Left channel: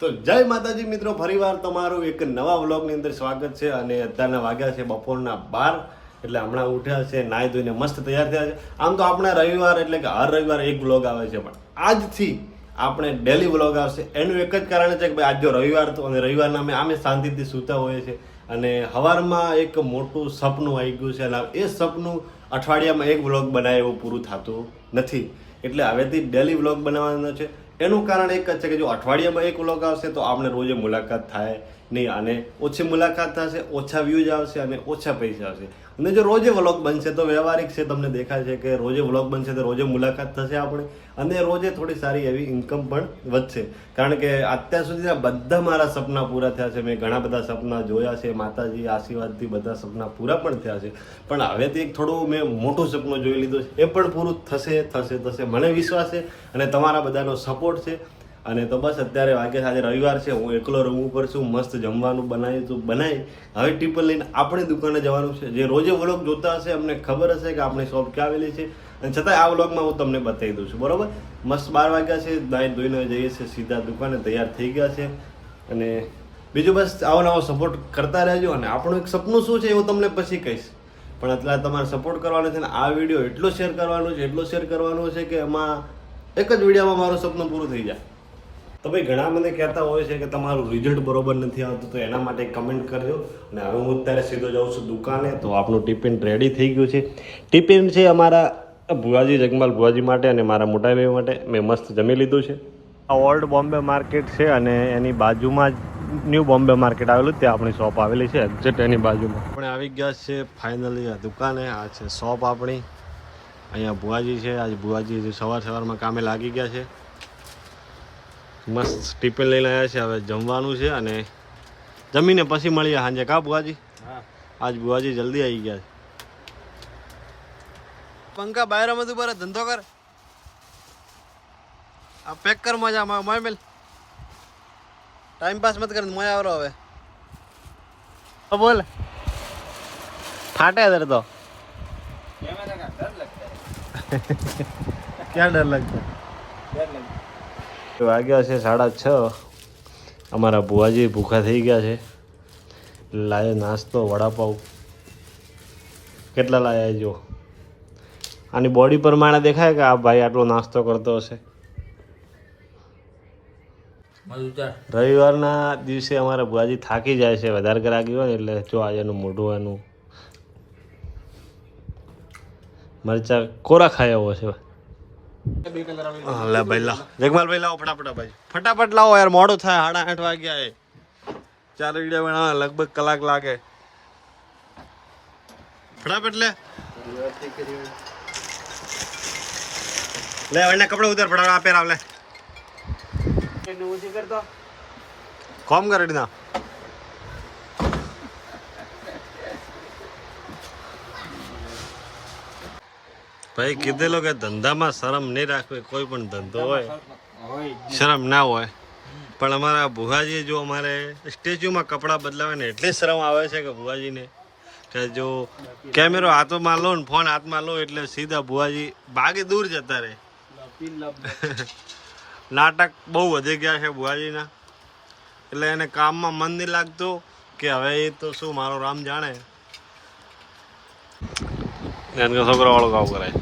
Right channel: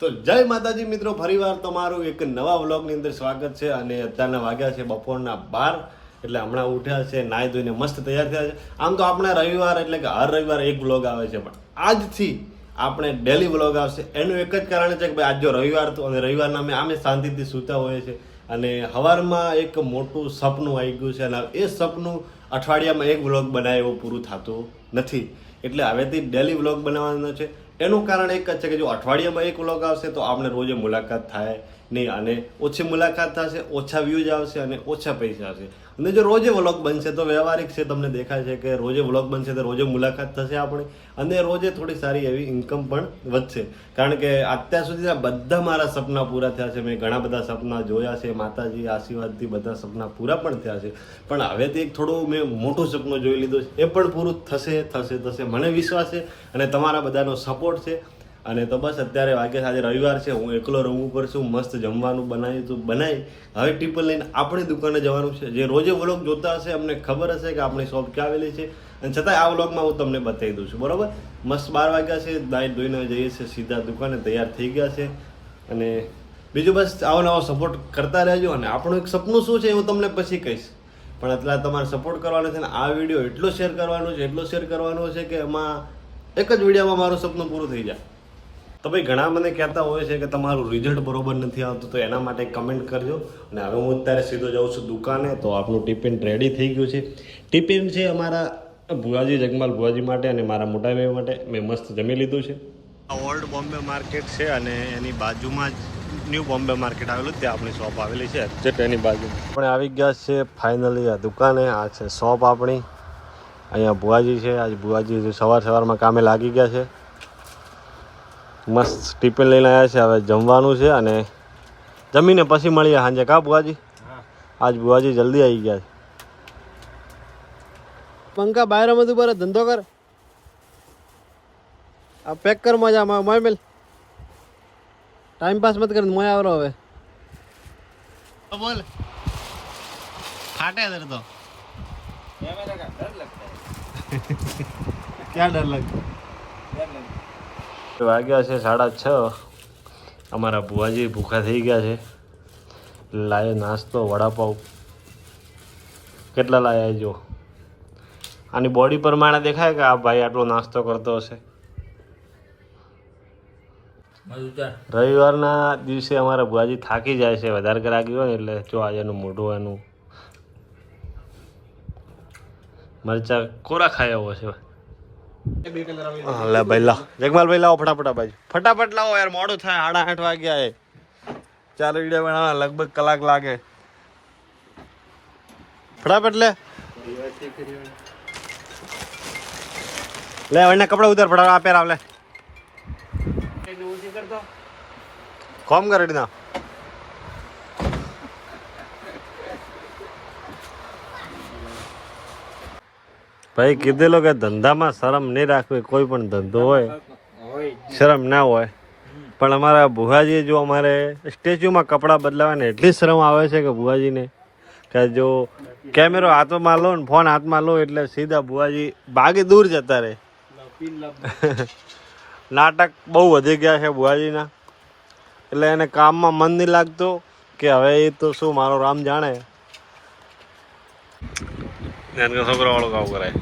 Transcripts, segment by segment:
તો જય માતાજી મિત્રો, ફરીવાર તમારું એક નવા વ્લોગની અંદર સ્વાગત છે. અને અત્યારના વાગ્યા છે બપોરના 12, એટલે હમણાં ઉઠ્યા છે, નાહી ધોઈને મસ્ત તૈયાર થયા છે. આમ તો આપણે રવિવાર એટલે કે હર રવિવાર એક વ્લોગ આવે છે, પણ આજથી આપણે ડેલી વ્લોગ આવશે. એનું એક જ કારણ છે કે ભાઈ આજ જો રવિવાર તો, અને રવિવારના અમે શાંતિથી સૂતા હોઈએ છીએ, અને સવારમાં એક મોટું સપનું આવી ગયું છે, અને એ સપનું અઠવાડિયામાં એક વ્લોગ બનાવે એવું પૂરું થતું નથી. એટલે હવેથી ડેલી વ્લોગ બનાવવાનો છે. એનું કારણ એક જ છે કે જો અઠવાડિયામાં એક વ્લોગ આવશે તો આપણે રોજે મુલાકાત થાય નહીં, અને ઓછી મુલાકાત થશે, ઓછા વ્યૂઝ આવશે અને ઓછા પૈસા આવશે. અને જો રોજે વ્લોગ બનશે તો વ્યવહારિક છે, તમને દેખાય છે કે રોજે વ્લોગ બનશે તો રોજે મુલાકાત થશે આપણે, અને રોજે થોડી સારી એવી ઇન્કમ પણ વધશે. કારણ કે અત્યાર સુધીના બધા મારા સપના પૂરા થયા છે. મેં ઘણા બધા સપના જોયા છે, માતાજી આશીર્વાદથી બધા સપના પૂરા પણ થયા છે. પણ હવેથી એક થોડું મેં મોટું સપનું જોઈ લીધું છે, એ પણ પૂરું થશે મને વિશ્વાસ છે, અને તમારા બધાનો સપોર્ટ છે. અને તો બસ અત્યારે વાગે આજે રવિવાર છે, હું એકલો રૂમ ઉપર છું, મસ્ત જમવાનું બનાવી હવે ટિફિન લઈને આપણી દુકાને જવાનું છે. જે રોજે વ્લોગ જોતા હશે અમને ખબર હશે કે આપણી શોપ ક્યાં આવેલી છે, અને છતાંય આ વ્લોગમાં હું તમને બતાવી દઉં છું. બરોબર, મસ્ત 12 વાગ્યા છે, નાઈ ધોઈને જઈએ છીએ સીધા દુકાને, તૈયાર થઈ ગયા છે. અને બીજું બસ આવો નવો સપોર્ટ કરતા રહેજો. અને આપણું એક સપનું શું છે એવું તમને પછી કહીશ, પણ અત્યારે તમારે સપોર્ટ કરવાનો છે. ને આ વિડીયો એટલો શેર કરવાનો છે કે એમાં એક જ વિડીયોમાં મારું સપનું પૂરું થઈ જાય. તો ભાઈ ઘણા મને કહેતા હોય છે કે તમારું રિઝલ્ટ બરોબર નથી આવતું, તો એના માટે કમેન્ટ કરજો. અને હવે હું અત્યારે સીધો જાઉં છું દુકાને. તો આપણું ટિફિન રેડી થઈ ગયું છે. ટિફિન છે અમારા ભુવાજી, જગમાલ ભુવાજી માટે અને મારા મોટા ભાઈ માટે. મેં મસ્ત જમી લીધું છે. આ ઓલ્ડ બોમ્બે માર્કેટ છે, અને એની બાજુમાં જ ન્યૂ બોમ્બે માર્કેટ આવેલું, ત્યાં આપણી શોપ આવેલી છે એક્ઝેક્ટ એની બાજુમાં. આપણે આવી ગયા છે ફાઇનલી આ દુકાને. આ છે શોપ આપણી. અહીંયા ભુવાજી છે. આજ ભુવાજી સવારમાં કામે લાગી ગયા છે. મસ્ત ટિફિન લઈને આવ્યા છે. હવે જમવાનું છે, અને જમીને પછી મળીએ સાંજે. કા ભુવાજી? આજ ભુવાજી જલ્દી આવી ગયા છે. પંખા બહાર બધું પર ધંધો કર, આ પેક કર મજા મોય મેલ, ટાઈમ પાસ મત કર, મોય આવરો હવે. બોલ ફાટે દર તો ક્યાં ડર લગતો. વાગ્યા છે 6:30. અમારા ભુવાજી ભૂખા થઈ ગયા છે. લાયો નાસ્તો, વડાપાઉં કેટલા લાયા જો. આની બોડી પ્રમાણે દેખાય કે આ ભાઈ આટલો નાસ્તો કરતો હશે. રવિવારના દિવસે અમારા ભુવાજી થાકી જાય છે, વધારે કરાગી હોય ને, એટલે જો આજે એનું મોઢું એનું મરચા કોરા ખાયા હોય છે. લે ભાઈ લાવો, જગમાલ ભાઈ લાવો ફટાફટ લાવો યાર, મોડું થાય. 8:30 વાગ્યા એ. 4 વિડીયો બનાવવા લગભગ કલાક લાગે. ફટાફટ લે એને કપડા ઉતાર ફટાફટ. આ પહેરાવ લે, કોમ કરે ના. ભાઈ કીધેલો કે ધંધામાં શરમ નહીં રાખવી. કોઈ પણ ધંધો હોય શરમ ના હોય, પણ અમારા ભુવાજીએ જો અમારે સ્ટેચ્યુમાં કપડાં બદલાવે ને એટલી શરમ આવે છે કે ભુવાજીને, કે જો કેમેરો હાથમાં લો ને ફોન હાથમાં લો એટલે સીધા ભુવાજી ભાગી દૂર જતા રહે. નાટક બહુ વધી ગયા છે ભુવાજીના, એટલે એને કામમાં મન નહીં લાગતું કે હવે એ તો શું મારો રામ જાણે. એને છોકરા વાળું કામ કરાય.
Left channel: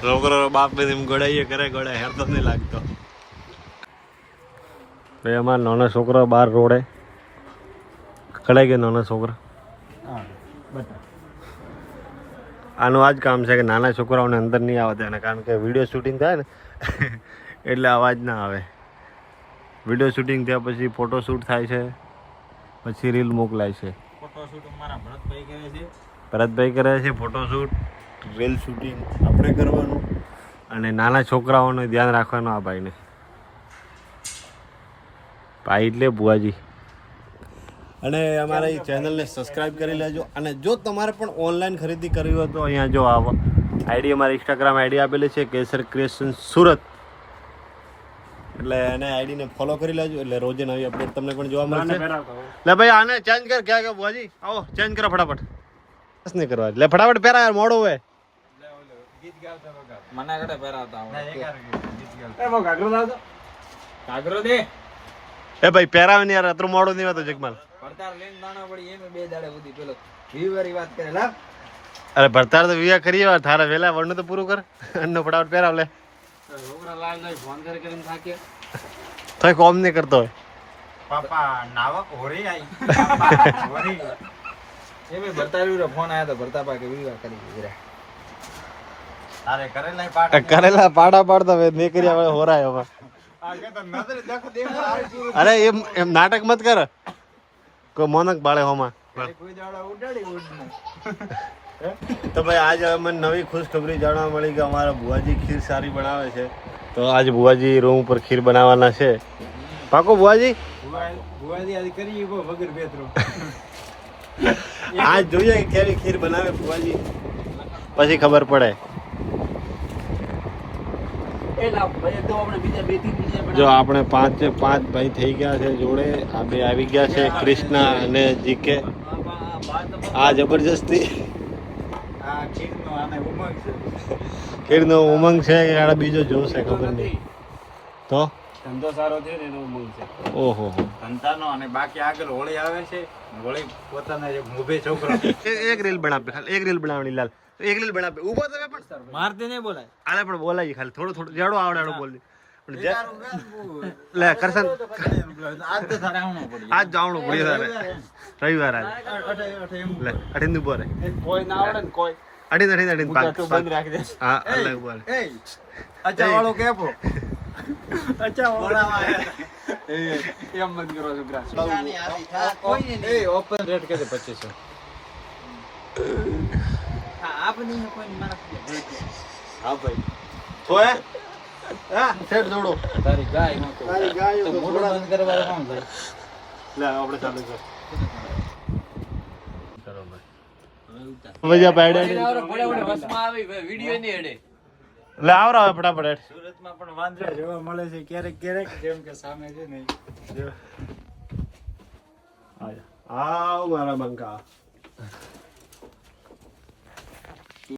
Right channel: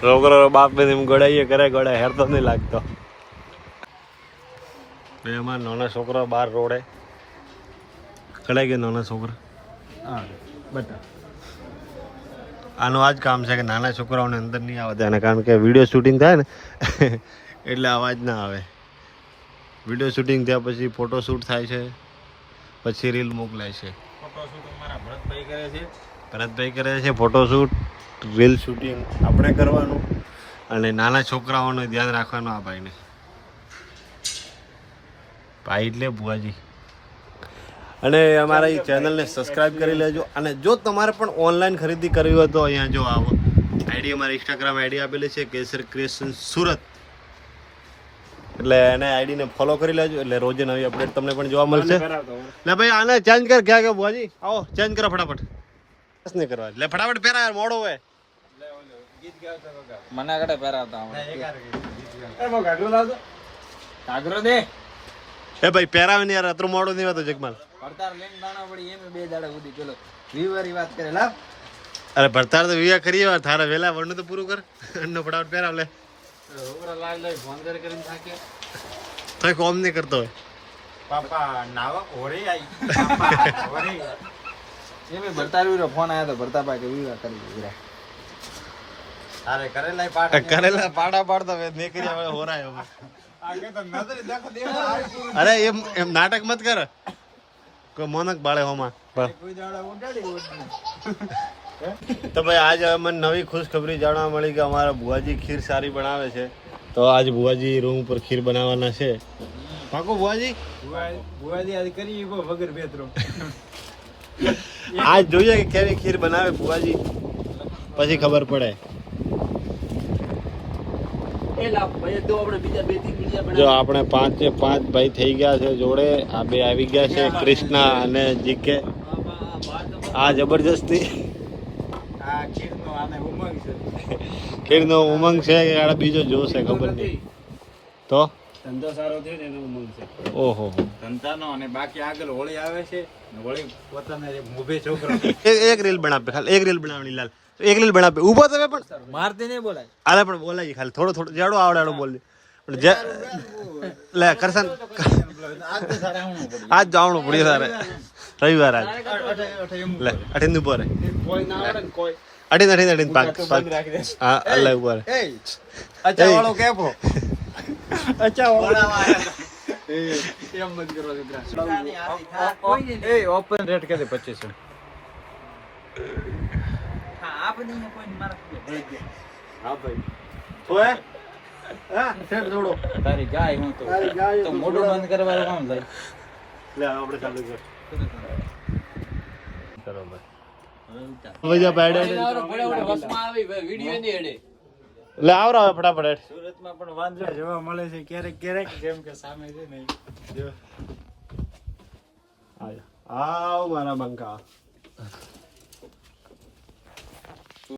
છોકરો બાપ ને એમ ગળાઈએ કરે, ગળાય હેરતો નહીં લાગતો. ભાઈ અમારા નાના છોકરો બહાર રોડે કડાઈ ગયો. નાના છોકરા આનું આ જ કામ છે કે નાના છોકરાઓને અંદર નહીં આવે તેને, કારણ કે વિડીયો શૂટિંગ થાય ને એટલે અવાજ ના આવે. વિડીયો શૂટિંગ થયા પછી ફોટોશૂટ થાય છે, પછી રીલ મોકલાય છે. ભરતભાઈ કરે છે ફોટોશૂટ, રીલ શૂટિંગ આપણે કરવાનું, અને નાના છોકરાઓનું ધ્યાન રાખવાનું આ ભાઈને. ભાઈ એટલે ભુવાજી. અને અમારા એ ચેનલને સબસ્ક્રાઈબ કરી લેજો. અને જો તમારે પણ ઓનલાઈન ખરીદી કરવી હોય તો અહીંયા જો આવો આઈડી, અમારી ઇન્સ્ટાગ્રામ આઈડી આપેલી છે કેસર ક્રિએશન સુરત, એટલે એને આઈડીને ફોલો કરી લેજો, એટલે રોજે નવી અપડેટ તમને પણ જોવા મળશે. લે ભાઈ આને ચેન્જ કર. ક્યાં ગયો ભુવાજી? આવો ચેન્જ કરો ફટાફટ. નહીં કરવા એટલે ફટાફટ પહેરા, મોડું હોય. મને કડે પહેરાવતા કાગરો દે એ ભાઈ પહેરાવે ને યાર અત્રું મોડું નહીં હોતું જગમાલ પડતાર લઈને દાણો પડી એમ 2 દાડા સુધી પેલો વીવારી વાત કરે લા અરે ભરતાર તો વિયા કરીએ વાર થારા વેલા વણનું તો પૂરું કર અન્નો ફટાફટ પહેરાવ લે ઓગરા લાલ લઈ ફોન કરીને થાક્યા તોય કોમ નહીં કરતો હોય પાપા નાવા હોરી આવી પાપા હોરી એમે ભરતાર વીરો ફોન આયો તો ભરતા પા કે વીવાર કરી દીધા અરે કરેલા પાડા પાડતા નહીં કર્યા હવે હોરાય હવે અરે એમ નાટક મત કર કોઈ મોનક બાળે હોમાં તો ભાઈ આજે અમને નવી ખુશખબરી જાણવા મળી કે અમારા બુઆજી ખીર સારી બનાવે છે તો આજે બુઆજી રૂમ ઉપર ખીર બનાવવાના છે પાકો બુઆજી બુવાજી આજ કરી વગર બેતરો આજ જોઈએ કે કેવી ખીર બનાવે બુઆજી પછી ખબર પડે જો આપણે પાંચ ભાઈ થઈ ગયા છે જોડે આ બે આવી ગયા છે કૃષ્ણા અને જીકે આ જબરજસ્તી ખીરનો ઉમંગ છે કે આ બીજો જોશ છે ખબર નહીં તો ધંધો સારો થયો ને એનો ઉમંગ છે ઓહો ધંધાનો અને બાકી આગળ હોળી આવે છે હોળી પોતાના જે મોભે છોકરો એક રીલ બનાવે ખાલી એક રીલ બનાવવાની લાલ એક રીલ બનાવે ઉભો તમે પણ મારતી નહીં બોલાય આલે પણ બોલાય ખાલી થોડો થોડો જેડો આવડે બોલ પણ જે લે કરશન આજ જવાનું પડી સારે રવિવાર આજ લે અઠીન ઉપર કોઈ ના આવડે ને કોઈ અઠીન પાક હા અલ્લાહ ઉપર અચ્છા વાળો કેપો અચ્છા વાળો એમ મત કરો છોકરા કોઈ નહીં એ ઓપન રેટ કે 2500 હા આપની ને કોઈ મારા હા ભાઈ તો હે હા ફેર જોડો તારી ગાય નો તો તારી ગાય તો થોડા બંધ કરવા કોણ જાય લે આપણે ચાલુ કર કરો ભાઈ વજા પાડે વસમાં આવી વિડિયો ની એડે લે આવરો ફટાફટ સુરતમાં પણ વાંદરા જોવા મળે છે ક્યારેક ક્યારેક જેમ કે સામે છે ને આવ મારા બંકા